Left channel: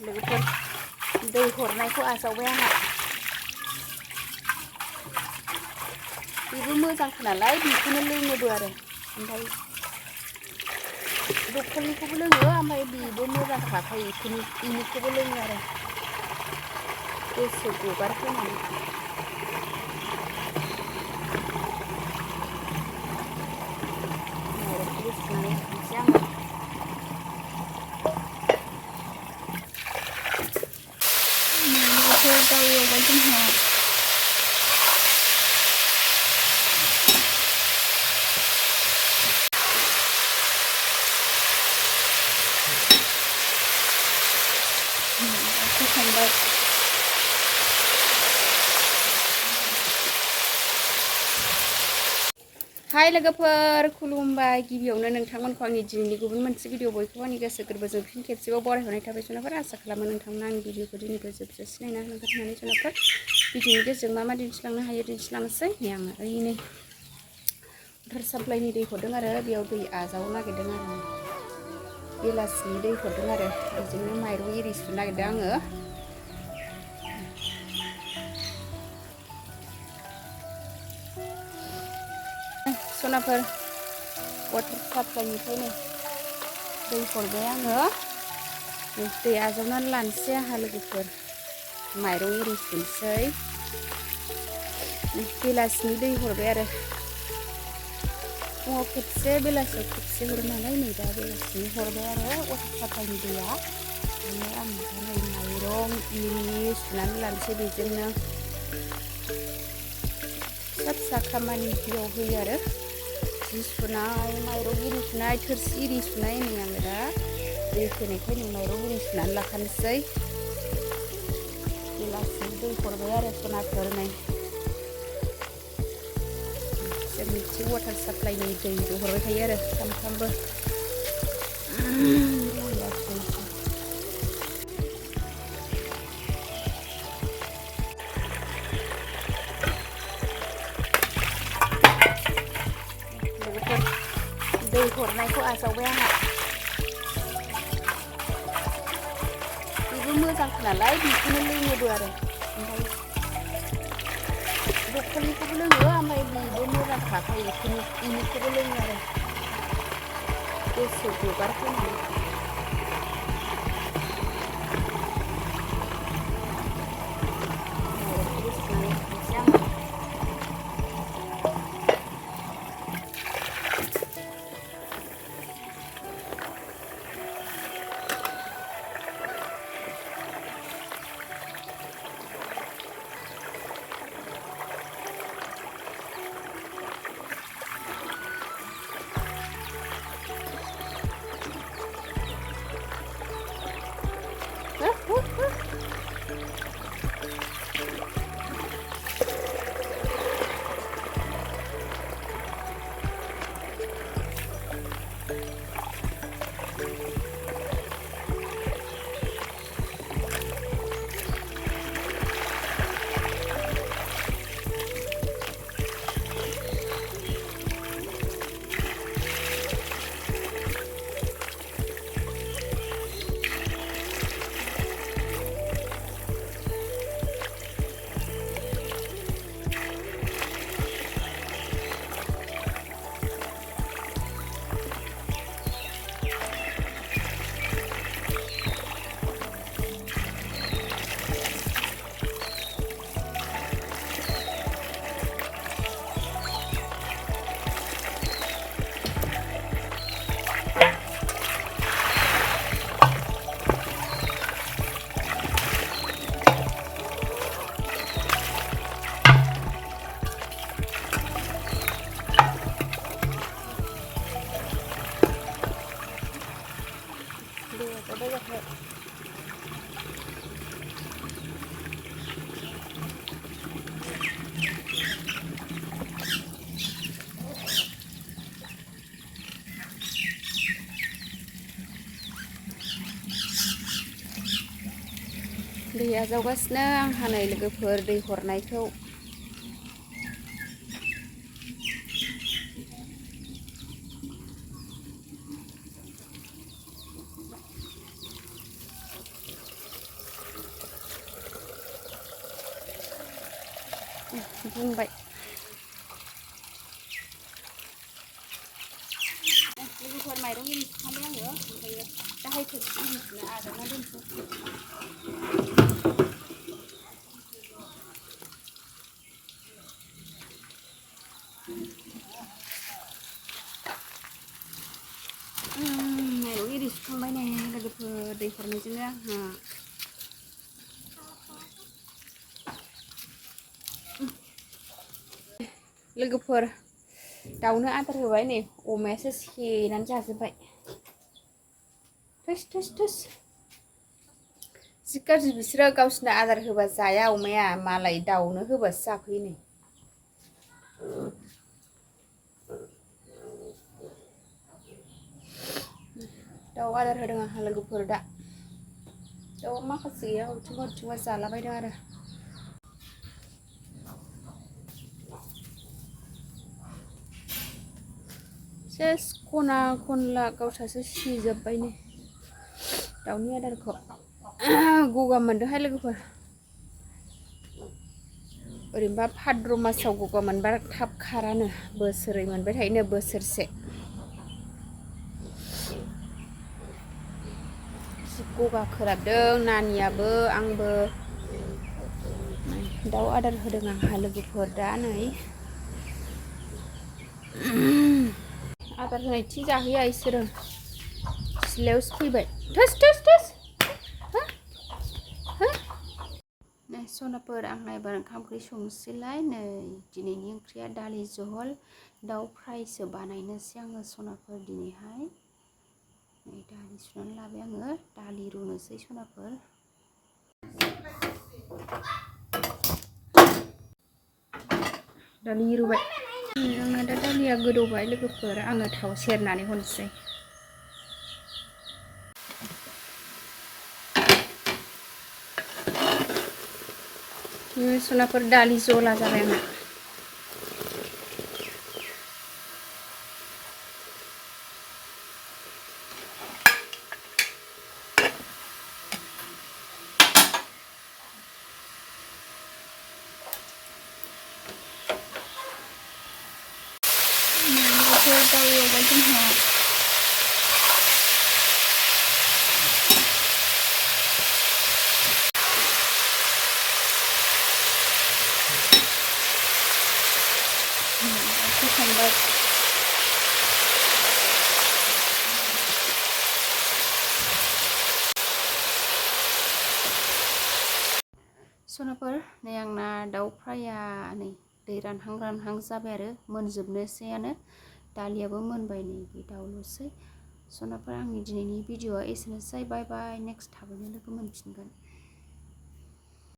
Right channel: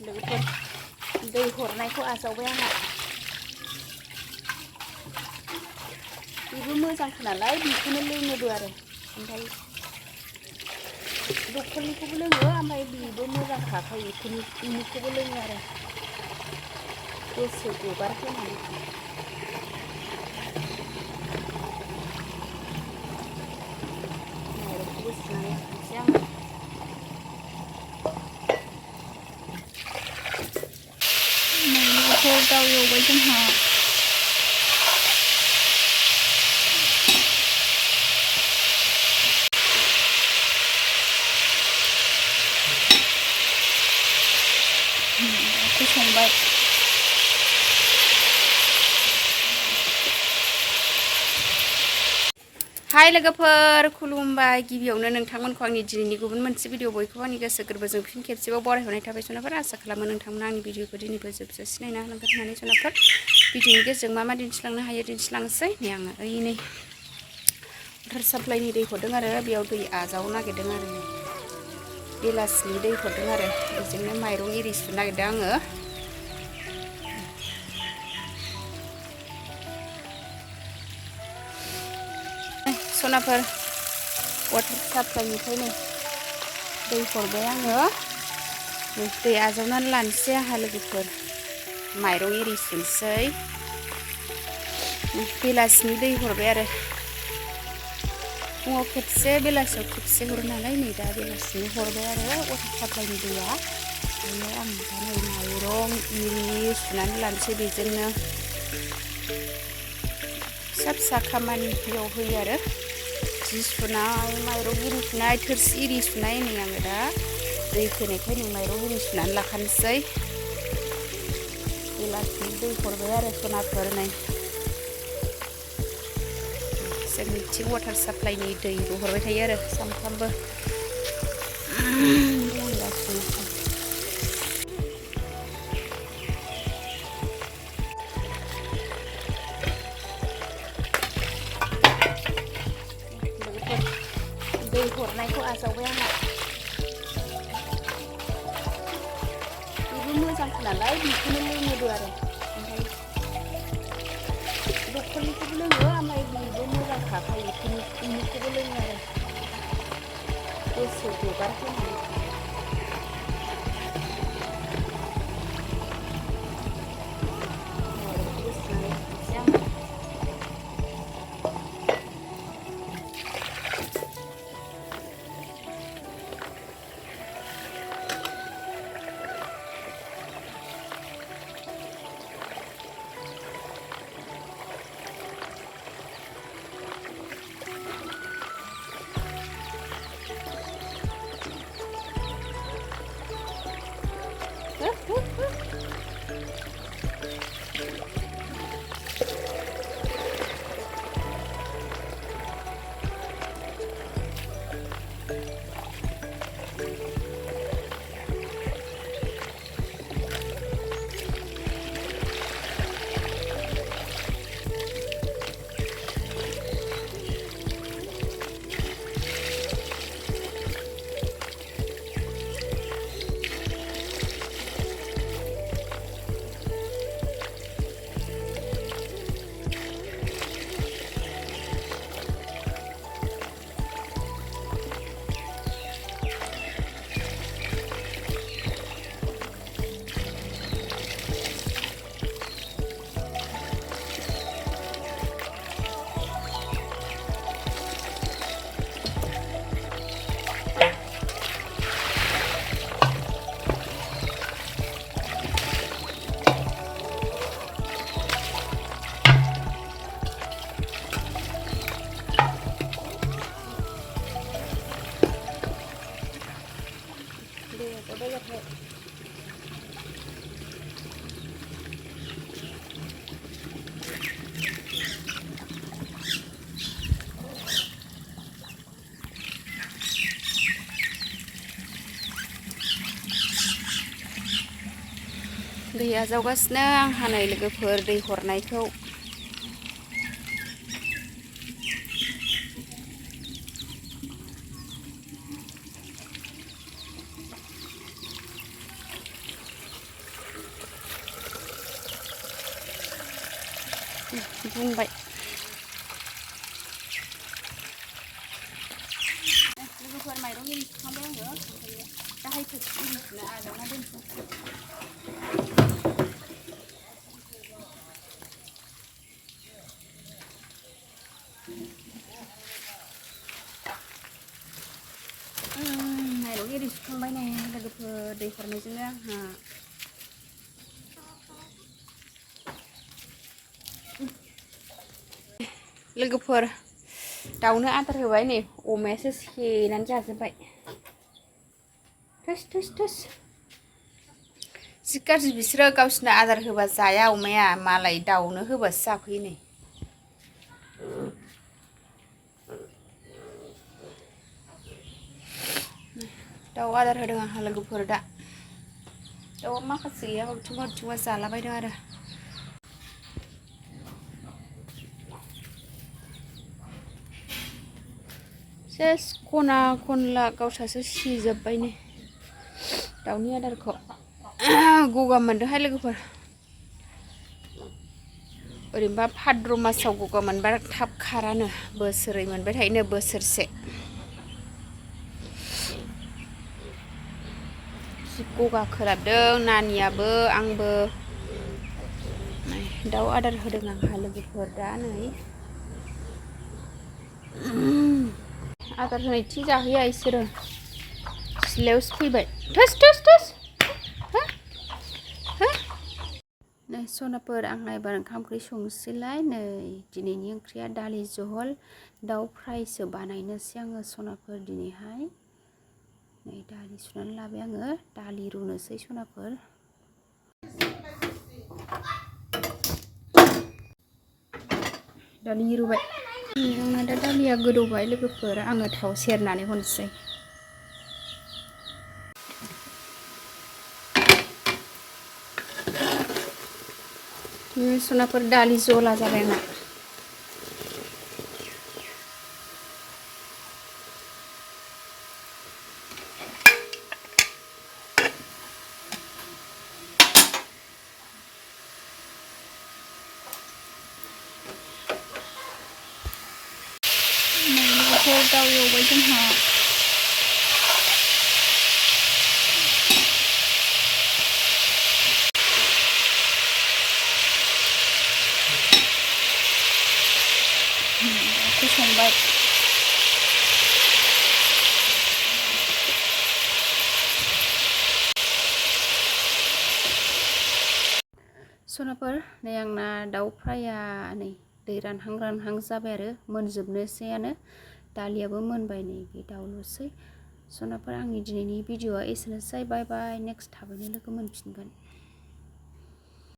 लोगोफोर दै हरनायखौ आजावबाय आंहा बेबो मोजांखा नालाय बेखौनो लोङोबो आरो ओमफ्राय दखलनिखौबो लोङो ओमफ्राय बेबो मोजांखाखाय बेनिखौबो लोङो आरो गोसो गगार होनानै माइरंखौबो सुनानै लाखानोसै आङो माइरंखौ दाउ एवबाय जोंहा संबाय हाय लोगोफोर खुलुमबाय गिबियावनो नोंथांमोनखौ आंनि दिनैनि गुबुन मोनसे भिडिअ बयखौबो आंनि गोसो गोरबोजों फिन खेबसेबाव बरायहरनाय थाबाय जुनारफोर आसा खालामो नोंथांमोना आंनि भिडिअखौ दिनैबो जोबजासे नायना होलांगोन होननानै जुनारफोर भिडिअनि गेजेरजों मा दिन्थिलांनो हायो दिन्थिलांनोसै नै आङो ओइनै वाटार साप्लाइनि दै हरदों आरो बेयाव दै आजावनो नागिरदों आरो बेलासिनि दै हरदों आरो बेजोंनो माइरं एरि सुनो नागिरदों आङो सनाफोर वाटार साप्लाइनिफ्राय नै दै हरबाय आङो दै आजावनानै लानोसै आंहा लोगोफोर माइरं एरि सुनोसै बेलासिनि दै हरबाय आरो फुङाव खेबसे बेलासियाव खेबसे हरो नालाय नै दा बेलासिनि हरबाय आरो वाटार साप्लाइनि दैया ओंखायनो आं दा नै माइरं एरि सुनानै लानोसै बेजोंनो फिसा फिसा खामानियाव होयो आरो जि सुनाय माइरं एरि सुनाय थोरसि एरि सुनाय नै आङो दा दै फैनायखाय नै माइरं एरि सुनानै लाखानोसै बेलासिनि दै हरबाय आरो सनाफोर नै जोंनिथिं वाटार साप्लाइनि दैबो हरबाय थायो आरो सामफ्रामबो लोगोफोर दै हरनायखौ आजावबाय आंहा बेबो मोजांखा नालाय बेखौनो लोङोबो आरो ओमफ्राय दखलनिखौबो लोङो ओमफ्राय बेबो मोजांखाखाय बेनिखौबो लोङो आरो गोसो गगार होनानै माइरंखौबो सुनानै लाखानोसै आङो दै आजावगासिनो आंहा नै लोगोफोर दै हरनायखौ बुंबाय लोगोफोर माइरं एरि सुखांबाय आङो ओमफ्रायो दाहाय थोरसि एरि सुना आजावना दोनसै माइरं एरि सुखांबाय नै लोगोफोर दै हरनायजोंनो आंहा लोगोफोर दाउनो आदार होबाय नै अमायासो सेनानै जाजोब्बाय थोस थोस थोस जि गाज्रि बिसोरो गावसिनो आदार होबा जाया अमाया मालाय दाउनो होबासो जाफैयो नै दाउ आदार होदों आंहा लोगोफोर दा दाउआ माखासे गैया हरथिंबा हरथिंबा जालाबायदों आरो सेस खना खनला गावस्रासो सिजोब्बाय नै दाउनि आदारखौ गगा मोनदोंहाय लोगोफोर ओरैनोबा भाद्र मासाव गगा मोनबा थाब खारानो बोसोरै मोनबाय थायोनो बोसोरसे गगा खोलाबदों नानियाबो आंबो दाउ आदार होदों आंहा लोगोफोर दा नै आदार होनाय थि जाहैया इसोरो सिलायावसो फैबाय थोस थोस थोस नै सनाफोर आंहा एबार ओंखाम ओंख्रि संनोसैलाय नै दिनैनि ओंख्रिया दालि जहल दाउ फ्रायसो बानायनोसै आङो सनाफोर दिनैहाय नै दालि सुनानै लाबाय आङो दालि रुनोसै सनाफोर दालि रुबाय आंना दा दालिया गोदौबाय लोगोफोर आङो थाव सेरनानै हरनोसै सनाफोर दालि जला जाबाय आंना दाउ एवबाय जोंहा संबाय सनाफोर नै आंना दाउ फ्राया नै दै रानहां जाबाय आरो मोनजोबनोसैयानो दालियाबो मोनबाय नै बे दाउल'सै सनाफोर आंनि दिनैनि भिडिअ'आ एसेनोसै बाय बाय नेक्स्ट थाबैनो लोगो मोनफिनगोन